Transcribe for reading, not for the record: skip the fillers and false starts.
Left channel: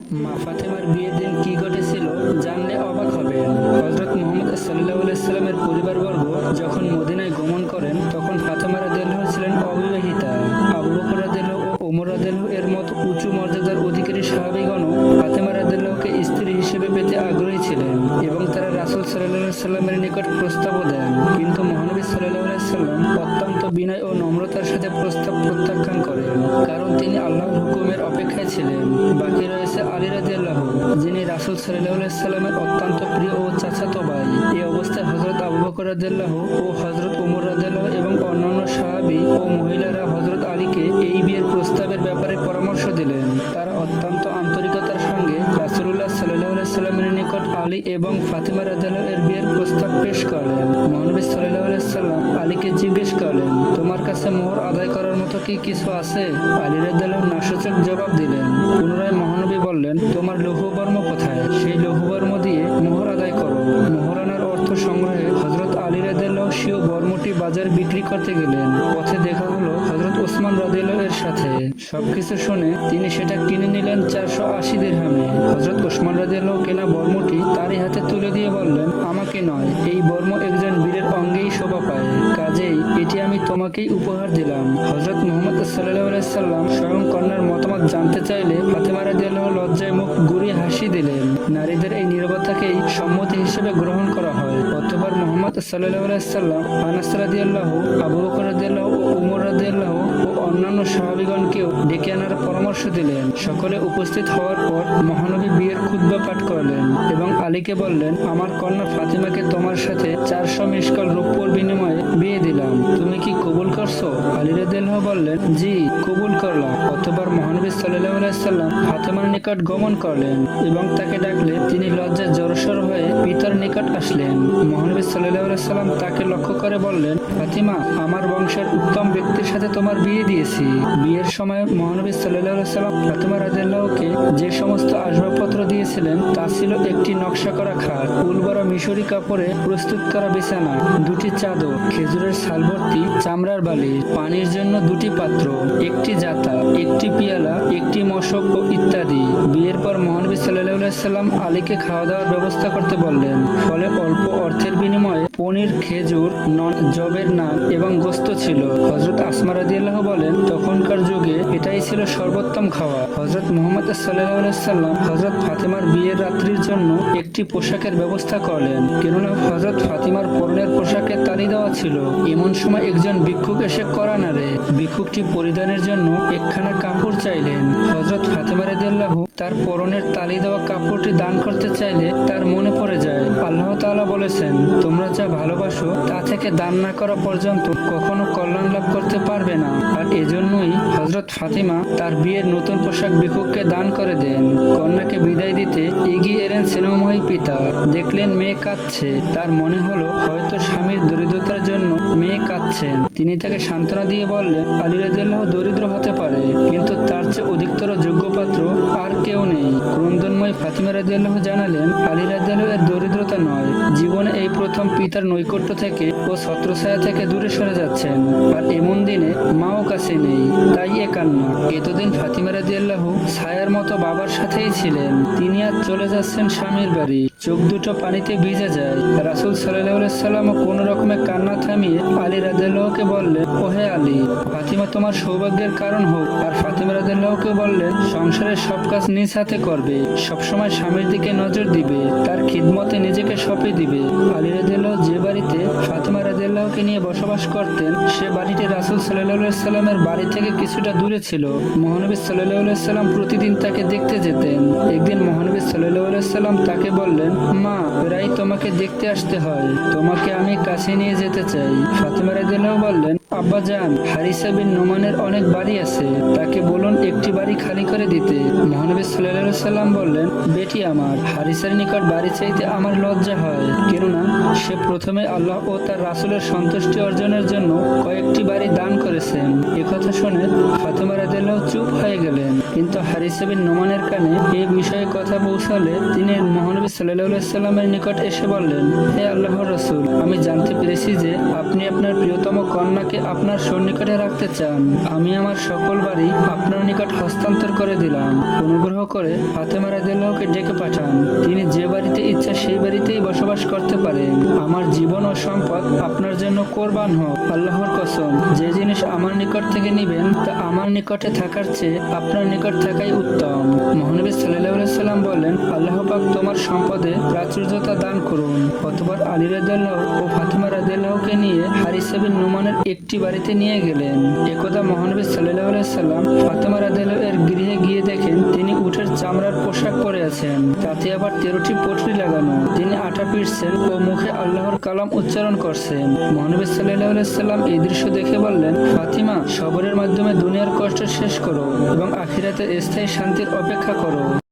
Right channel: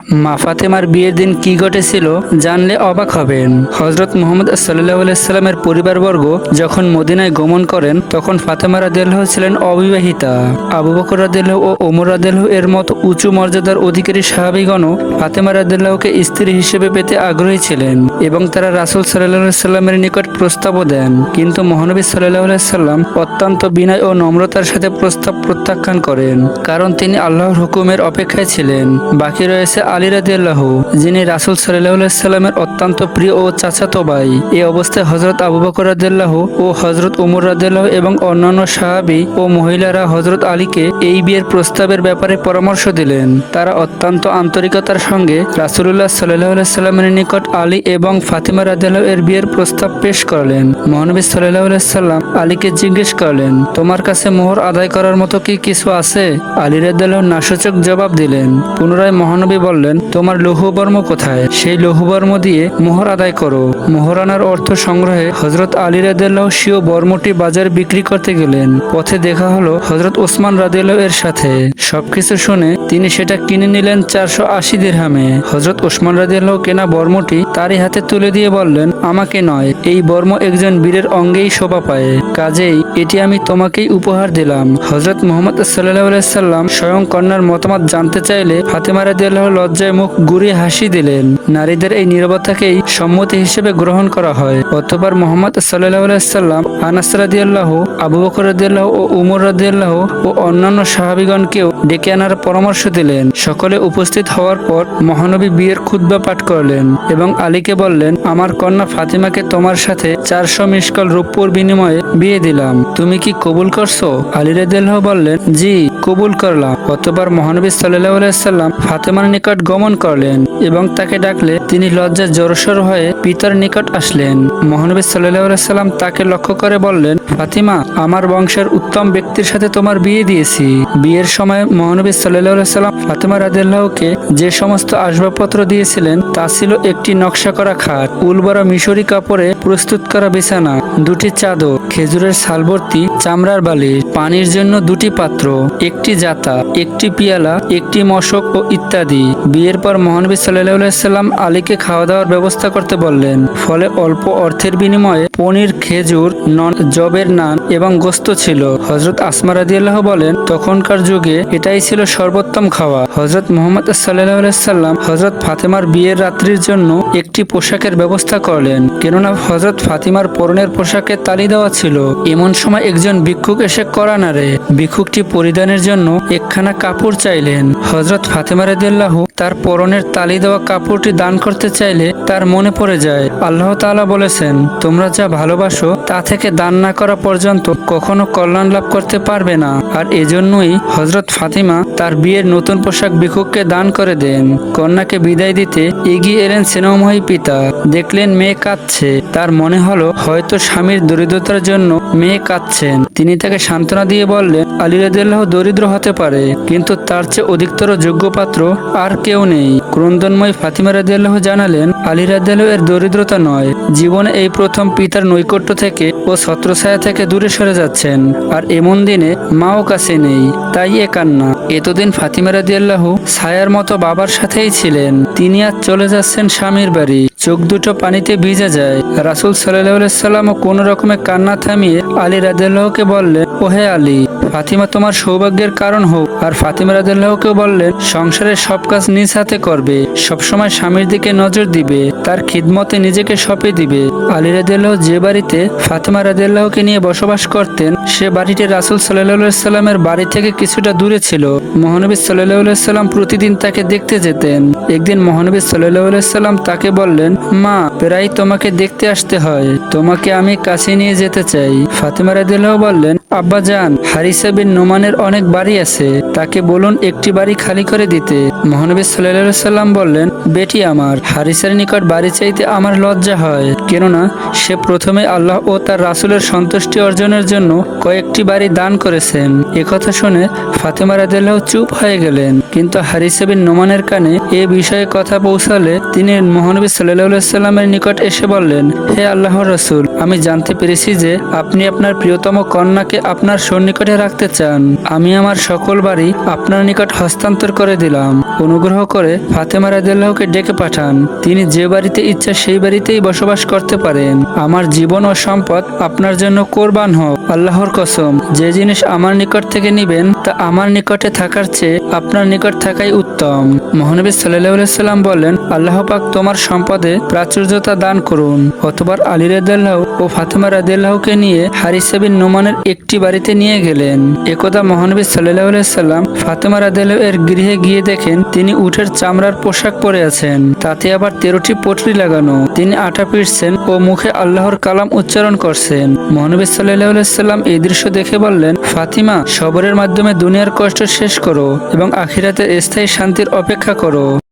মা ফাতেমার বিয়ের দিন কি ঘটেছিল জানলে অবাক হবেন। হযরত মুহাম্মদ সাল্লাল্লাহু আলাইহি সাল্লামের পরিবারবর্গ যখন মদিনায় গমন করেন তখন ফাতেমা রাদিয়াল্লাহু ছিলেন অবিবাহিতা। আবু বকর রাদিয়াল্লাহু ও ওমর রাদিয়াল্লাহু এর মতো উঁচু মর্যাদার অধিকারী সাহাবীগণও ফাতেমা রাদিয়াল্লাহুকে স্ত্রী হিসেবে পেতে আগ্রহী ছিলেন এবং তারা রাসূল সাল্লাল্লাহু আলাইহি সাল্লামের নিকট প্রস্তাবও দেন। কিন্তু মহানবী সাল্লাল্লাহু আলাইহি সাল্লাম অত্যন্ত বিনয় ও নম্রতার সাথে প্রস্তাব প্রত্যাখ্যান করেন, কারণ তিনি আল্লাহর হুকুমের অপেক্ষায় ছিলেন। বাকি রয়েছে আলী রাদিয়াল্লাহু, যিনি রাসূল সাল্লাল্লাহু আলাইহি সাল্লামের অত্যন্ত প্রিয় ও চাচাতো ভাই। এই অবস্থায় হযরত আবু বকর রাদিয়াল্লাহু ও হযরত ওমর রাদিয়াল্লাহু এবং অন্যান্য সাহাবী ও মহিলারা হযরত আলীকে এই বিয়ের প্রস্তাবের ব্যাপারে পরামর্শ দিলেন। তারা অত্যন্ত আন্তরিকতার সঙ্গে রাসূলুল্লাহ সাল্লাল্লাহু আলাইহি সাল্লামের নিকট আলী এবং ফাতিমা রাদিয়াল্লাহু এর বিয়ের প্রস্তাব পেশ করলেন। মহানবী সাল্লাল্লাহু আলাইহি সাল্লাম আলীকে জিজ্ঞেস করলেন, তোমার কাছে মোহর আদায় করার মতো কি কিছু আছে? আলী রাদিয়াল্লাহু নাসূচক জবাব দিলেন। পুনরায় মহানবী বললেন, তোমার লৌহবর্ম কোথায়? সেই লৌহবর্ম দিয়ে মোহর আদায় করো। মোহরানার অর্থ সংগ্রহে হযরত আলী রাদিয়াল্লাহু স্বীয় বর্মটি বাজারে বিক্রি করতে গেলেন। পথে দেখা হলো হযরত ওসমান রাদিয়াল্লাহু এর সাথে। সবকিছু শুনে তিনি সেটা কিনে নিলেন 480 দিরহামে। হযরত ওসমান রাদিয়াল্লাহু কেনা বর্মটি তারই হাতে তুলে দিয়ে বললেন, আমাকে নয়, এই বর্ম একজন বীরের অঙ্গেই শোভা পায়, কাজেই এটি আমি তোমাকেই উপহার দিলাম। হযরত মুহাম্মদ সাল্লাল্লাহু আলাইহি সাল্লাম স্বয়ং কন্যার মতামত জানতে চাইলে ফাতেমা রাদিয়াল্লাহু লজ্জায় মুখ ঘুরিয়ে হাসি দিলেন। নারীদের এই নীরবতাকেই সম্মতি হিসেবে গ্রহণ করা হয়। অতঃপর মুহাম্মদ সাল্লাল্লাহু আলাইহি সাল্লাম আনাস রাদিয়াল্লাহু, আবু বকর রাদিয়াল্লাহু ও উমর রাদিয়াল্লাহু ও অন্যান্য সাহাবীগণকেও ডেকে আনার পরামর্শ দিলেন। সকলে উপস্থিত হওয়ার পর মহানবী বিয়ের খুতবা পাঠ করলেন এবং আলীকে বললেন, আমার কন্যা ফাতিমাকে তোমার সাথে 400 মিশকাল রূপোর বিনিময়ে বিয়ে দিলাম, তুমি কি কবুল করছো? আলী রাদিয়াল্লাহু বললেন, জি, কবুল করলাম। অতঃপর মহানবী সাল্লাল্লাহু আলাইহি সাল্লাম ফাতেমার নিকট গমন করলেন এবং তাকে ডাকলে তিনি লজ্জায় জড়সড় হয়ে পিতার নিকট আসলেন। মহানবী সাল্লাল্লাহু আলাইহি সাল্লাম তাকে লক্ষ্য করে বললেন, ফাতিমা, আমার বংশের উত্তম ব্যক্তির সাথে তোমার বিয়ে দিয়েছি। বিয়ের সময় মহানবী সাল্লাল্লাহু আলাইহি সাল্লাম ফাতিমা রাদিয়াল্লাহুকে যে সমস্ত আসবাবপত্র দিয়েছিলেন তা ছিল একটি নকশা করা খাট, উলবরা মিশরি কাপড়ে প্রস্তুত করা বিছানা, 2টি চাদর, খেজুরের ছালভর্তি চামড়ার বালিশ, পানির জন্য 2টি পাত্র, একটি জাতা, একটি পিয়ালা, একটি মশক ও ইত্যাদি। বিয়ের পর মহানবী সাল্লাল্লাহু আলাইহি সাল্লাম আলীকে খাওয়া দাওয়ার ব্যবস্থা করতে বললেন। ফলে অল্প অর্থের বিনিময়ে পনির, খেজুর, জবের নান এবং গোস্ত ছিল। হযরত আসমা রাদিয়াল্লাহু বলেন, তখনকার যুগে এটাই ছিল সর্বোত্তম খাওয়া। হযরত মুহাম্মদ সাল্লাল্লাহু আলাইহি সাল্লাম হযরত ফাতেমার বিয়ের রাত্রির জন্য একটি পোশাকের ব্যবস্থা করলেন, কেননা হযরত ফাতিমার পরনের পোশাকে তালি দেওয়া ছিল। এমন সময় একজন ভিক্ষুক এসে কড়া নাড়ে। ভিক্ষুকটি পরিধানের জন্য একখানা কাপড় চাইলেন। হযরত ফাতেমা রাদিয়াল্লাহু তার পরনের তালি দেওয়া কাপড়টি দান করতে চাইলে তার মনে পড়ে যায়, আল্লাহ তাআলা বলেছেন, তোমরা যা ভালোবাসো তা থেকে দান না করা পর্যন্ত কখনো কল্যাণ লাভ করতে পারবে না। আর এজন্যই হযরত ফাতিমা তার বিয়ের নতুন পোশাক ভিক্ষুককে দান করে দেন। কন্যাকে বিদায় দিতে এগিয়ে এলেন স্নেহময়ী পিতা। দেখলেন মেয়ে কাঁদছে। তার মনে হলো হয়তো স্বামীর দরিদ্রতার জন্য মেয়ে কাঁদছেন। তিনি তাকে সান্ত্বনা দিয়ে বললেন, আলী রাদিয়াল্লাহু দরিদ্র হতে পারে, কিন্তু তার চেয়ে অধিকতর যোগ্য পাত্র আর কেউ নেই। ক্রন্দনময় ফাতিমা রাদিয়াল্লাহু জানালেন, আলী রাদিয়াল্লাহু এর দরিদ্রতা নয়, জীবনে এই প্রথম পিতার নৈকট্য থেকে ও ছত্রছায়া থেকে দূরে সরে যাচ্ছেন। আর এমন দিনে মাও কাছে নেই, তাই এ কান্না। এতদিন ফাতিমা রাদিয়াল্লাহু ছায়ার মতো বাবার সাথেই ছিলেন, তিনি আজ চলে যাচ্ছেন স্বামীর বাড়ি। চোখ দুটো পানিতে ভিজে যায়। রাসূল সাল্লাল্লাহু আলাইহি সাল্লাম কোন রকমে কান্না থামিয়ে আলী রাদিয়াল্লাহুকে বললেন, ওহে আলী, ফাতিমা তোমার সৌভাগ্যের কারণ হোক। আর ফাতিমা রাদিয়াল্লাহুকে বললেন, সংসারের সব কাজ নিজ হাতে করবে, সবসময় স্বামীর দিকে নজর দিবে, তার খিদমতে নিজেকে সঁপে দিবে। আলী রাদিয়াল্লাহু যে বাড়িতে ফাতিমা রাদিয়াল্লাহুকে নিয়ে বসবাস করতেন সে বাড়িটি রাসূল সাল্লাল্লাহু আলাইহি সাল্লামের বাড়ি থেকে কিছুটা দূরে ছিল। মহানবী সাল্লাল্লাহু আলাইহি সাল্লাম প্রতিদিন তাকে দেখতে যেতেন। একদিন মহানবী সাল্লাল্লাহু আলাইহি সাল্লাম তাকে বললেন, মা, প্রায় তোমাকে দেখতে আসতে হয়, তোমাকে আমি কাছে নিয়ে যেতে চাই। ফাতিমা রাদিয়াল্লাহু বললেন, আব্বা জান, হারিসা বিন নুমানের অনেক বাড়ি আছে, তাকে বলুন একটি বাড়ি খালি করে দিতে। মহানবী সাল্লাল্লাহু আলাইহি সাল্লাম বললেন, বেটি আমার, হারিসার নিকট বাড়ি চাইতে আমার লজ্জা হয়, কেননা সে প্রথমে আল্লাহ ও তার রাসূলের সন্তুষ্টি অর্জনের জন্য কয়েকটি বাড়ি দান করেছেন। একথা শুনে ফাতিমা রাদিয়াল্লাহু চুপ হয়ে গেলেন। কিন্তু হারিসা বিন নোমানের কানে এ বিষয়ে কথা পৌঁছালে তিনি মহানবী সাল্লাল্লাহু সাল্লামের নিকট এসে বললেন, হে আল্লাহর রাসূল, আমি জানতে পেরেছি যে আপনি আপনার প্রিয়তম কন্যাকে আপনার সন্নিকটে রাখতে চান। আমি আমার সকল বাড়ি আপনার নিকট হস্তান্তর করে দিলাম। অনুগ্রহ করে ফাতেমা রাদিয়াল্লাহুকে ডেকে পাঠান। তিনি যে বাড়িতে ইচ্ছা সেই বাড়িতেই বসবাস করতে পারেন। আমার জীবন ও সম্পদ আপনার জন্য কোরবান হোক। আল্লাহর কসম, যে জিনিস আমার নিকট থেকে নিবেন তা আমার নিকটে থাকার চেয়ে আপনার নিকট থাকাই উত্তম। মহানবী সাল্লাল্লাহু আলাইহি সাল্লাম বললেন, আল্লাহ পাক তোমার সম্পদে প্রাচুর্যতা দান করুন। অতঃপর আলী রাদিয়াল্লাহু ও ফাতেমা রাদিয়াল্লাহুকে নিয়ে হারিসা বিন নোমানের একটি বাড়িতে নিয়ে গেলেন। একদা মহানবী সাল্লাল্লাহু আলাইহি সাল্লাম ফাতেমা রাদিয়াল্লাহু এর গৃহে গিয়ে দেখেন তিনি উটের চামড়ার পোশাক পরে আছেন, তাতে আবার 13টি পটরি লাগানো। তিনি আটা পিটছেন ও মুখে আল্লাহর কালাম উচ্চারণ করছেন। মহানবী সাল্লাল্লাহু আলাইহি সাল্লাম এই দৃশ্য দেখে বললেন, ফাতিমা, সবরের মাধ্যমে দুনিয়ার কষ্ট শেষ করো এবং আখিরাতের স্থায়ী শান্তির অপেক্ষা করো।